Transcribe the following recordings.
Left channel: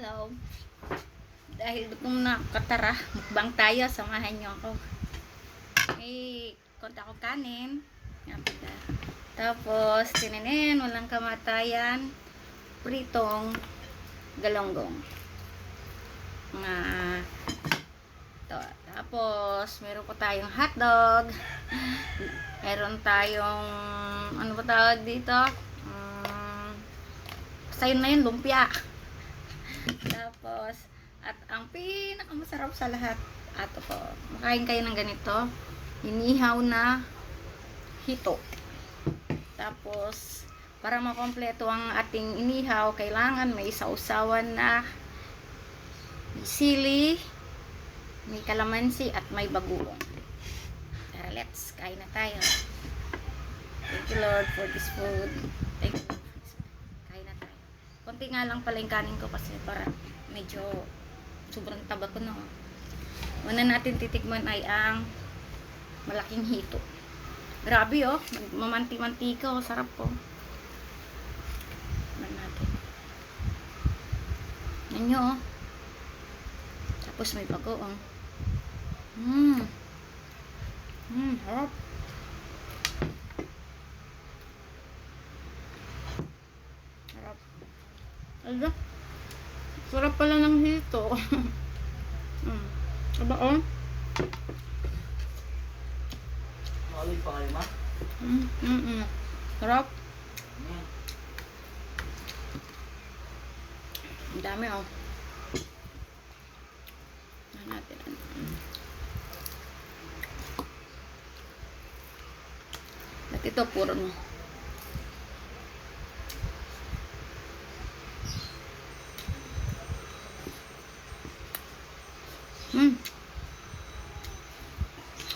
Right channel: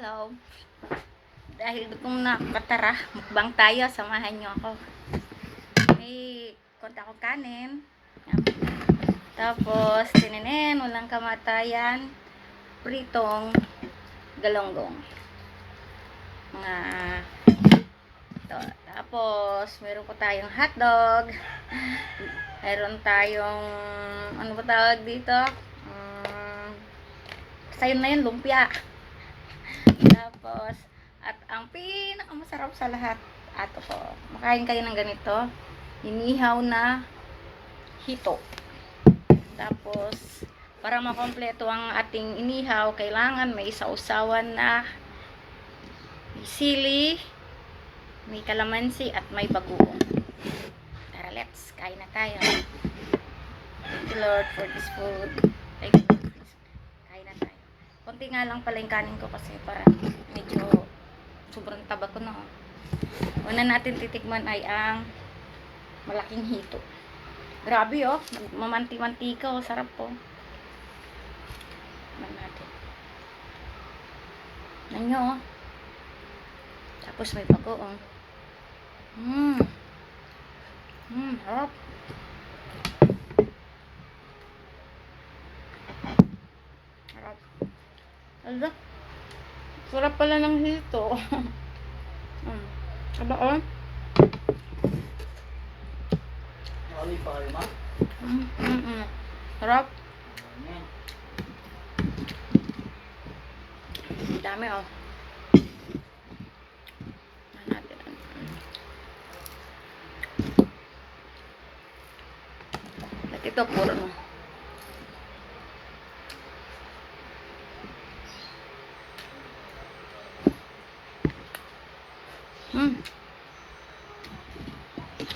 Hello. Dahil kung nakatara, mukbang tayo, samahan nyo ako. May konti ako kanin. Yan. Tapos, tininin, walang kamatayan, pritong galonggong. Mga ito. Tapos, meron po tayong hotdog. Meron tayong, ano ba tawag dito? Sayon na yun, lumpia. Tapos, at ang pinakamasarap sa lahat, ato po, makain kayo ng ganito, inihaw na hito. Tapos, para makompleto ang ating inihaw, kailangan may sausawan na may sili, may kalamansi, at may bagoong. Tara, let's, kain na tayo. Thank you Lord for this food. Thank you. Kain na tayo. Konti nga lang pala yung kanin ko kasi para medyo sobrang taba ko na. Una natin titikman ay ang malaking hito. Grabe oh, mamanti-mantika oh, sarap po. Tikman natin. Nanyo oh. Tapos may bago oh. Hop. Sarap. Ala. Sarap pala ng hito. Aba oh. Olive pa kayo, ma? Sarap. Ang dami oh. At ito puro no.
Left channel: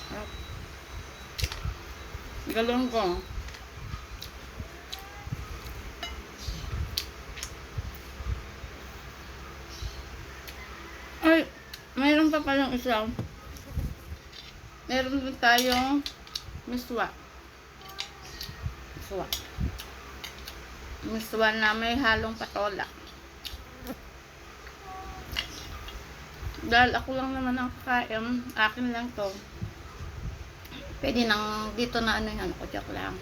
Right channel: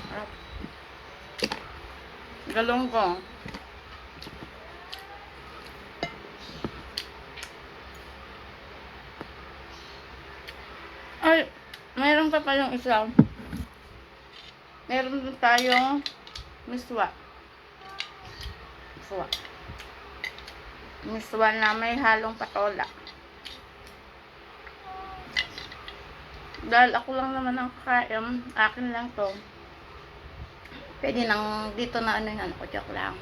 Sarap. Galonggong. Ay, mayroon pa palang isa. Meron din tayong miswa. Miswa na may halong patola. Dahil ako lang naman ang kakain, akin lang to. Pwede nang dito na ano yung ano ko, joke lang.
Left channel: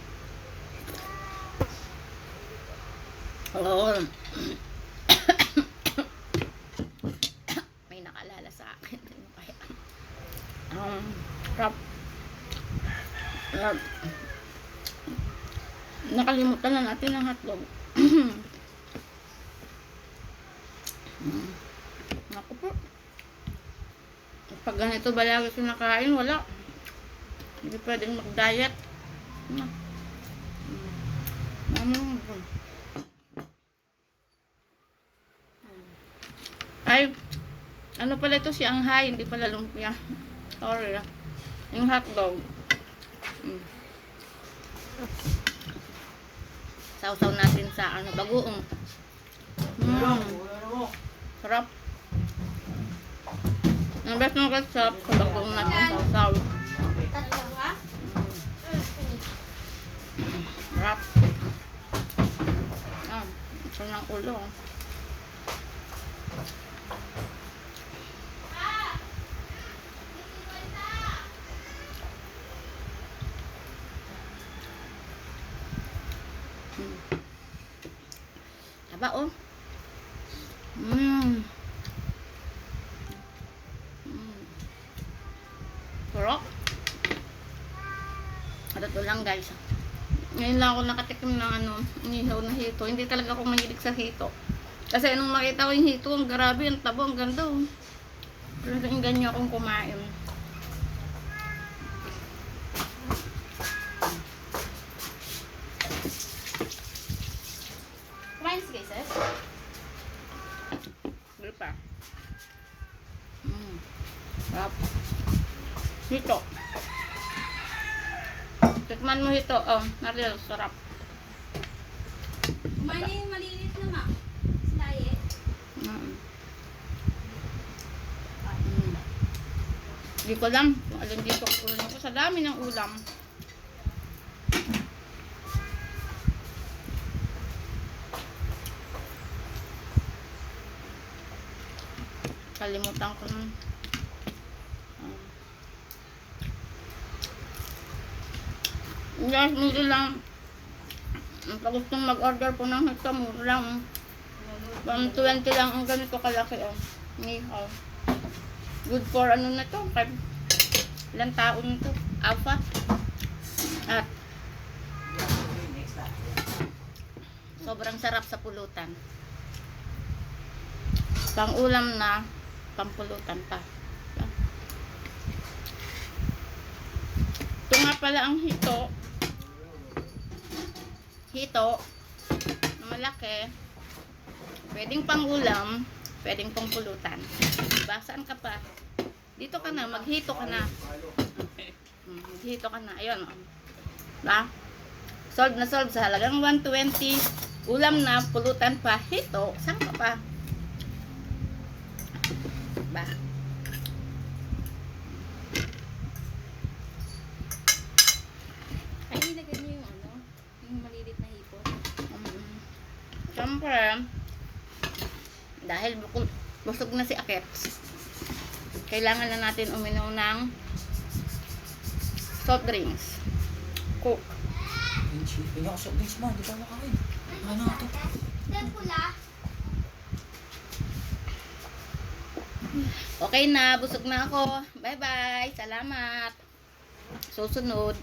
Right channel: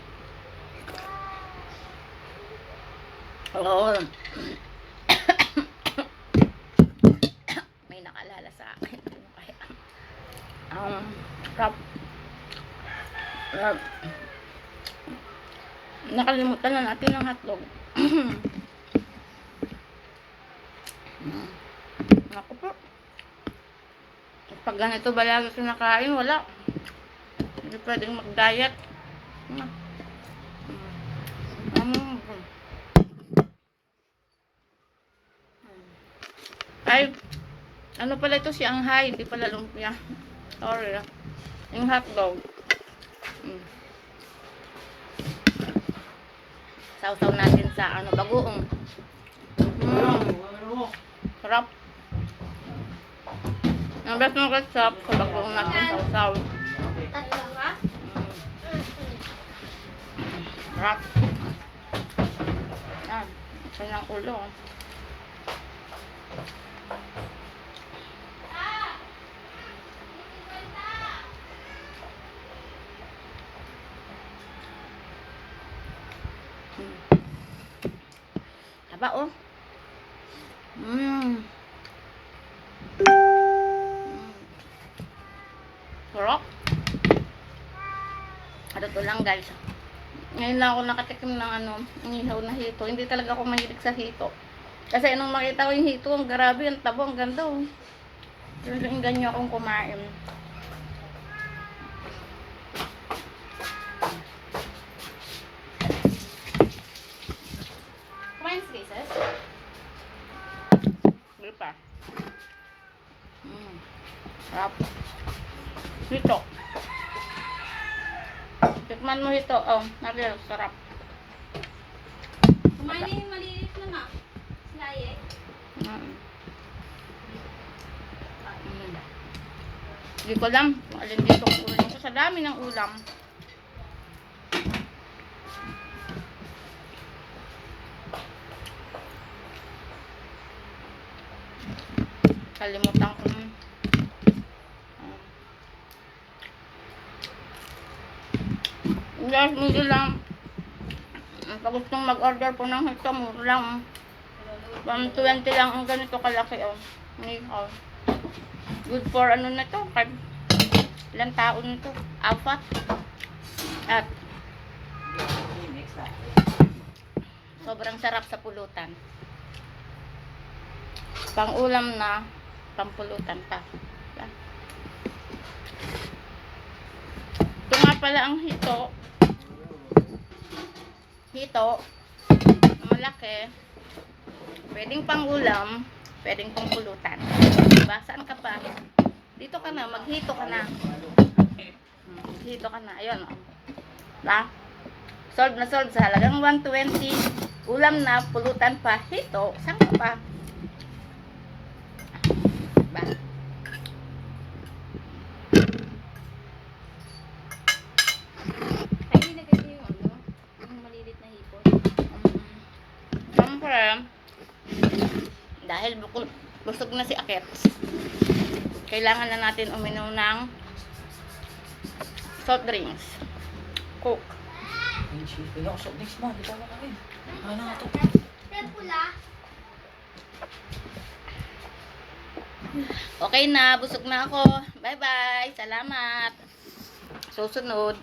Oo. May nakalala sa akin. Ano kaya? Cup. Nakalimutan na natin ang hotdog. Naku po. Pag ganito ba lagi kinakain, wala. Hindi pwedeng mag-diet. Ay, ano pala ito si Anghay, hindi pala lumpia. Sorry. Yung hotdog. Sausaw natin sa ano, bagoong. Sarap. Ang best ng ketchup sa bagoong natin sausaw. Sarap. Yan. Isa ng ulo. Taba oh. Sarap. Ano to lang guys. Ngayon lang ako nakatikim ng ano, inihaw na hito. Hindi talaga ako mahilig sa hito. Kasi nung nakita ko yung hito, ang grabe, ang tabo, ang ganda oh. Talagang ganyan akong kumain. Kumain sige, sis. Gripa. Sarap. Hito. Tikman mo hito. Oh, natin sarap. Kumain na yung malilit na nga. Sinaye. Hindi ko alam kung alin dito ang ulam ko. Sa dami ng ulam. Kalimutan ko. Guys, hindi lang. Pag gustong mag-order po ng hito, mura lang. 120 lang ang ganito kalaki, oh. Nihaw. Good for ano na to? Ilang taon to? 4. At Next time. sobrang sarap sa pulutan. Pang-ulam na, pang-pulutan pa. Ito nga pala ang hito. Hito na malaki. Pwedeng pang-ulam, pwedeng pang-pulutan. Diba? Saan ka pa? Dito ka na, maghito ka na. Maghito ka na. Ayun, oh. Diba? Solve na solve sa halagang 120. Ulam na, pulutan pa, hito. Saan ka pa? Diba? Ay, nilagay niyo yung ano? Yung malilit na hipon. Siyempre, dahil busog na si Akets, kailangan na natin uminom ng soft drinks. Coke. Hindi ako soft drinks mo. Hindi ka makain. Ano nga ito? Okay na, busog na ako. Bye-bye. Salamat. Susunod.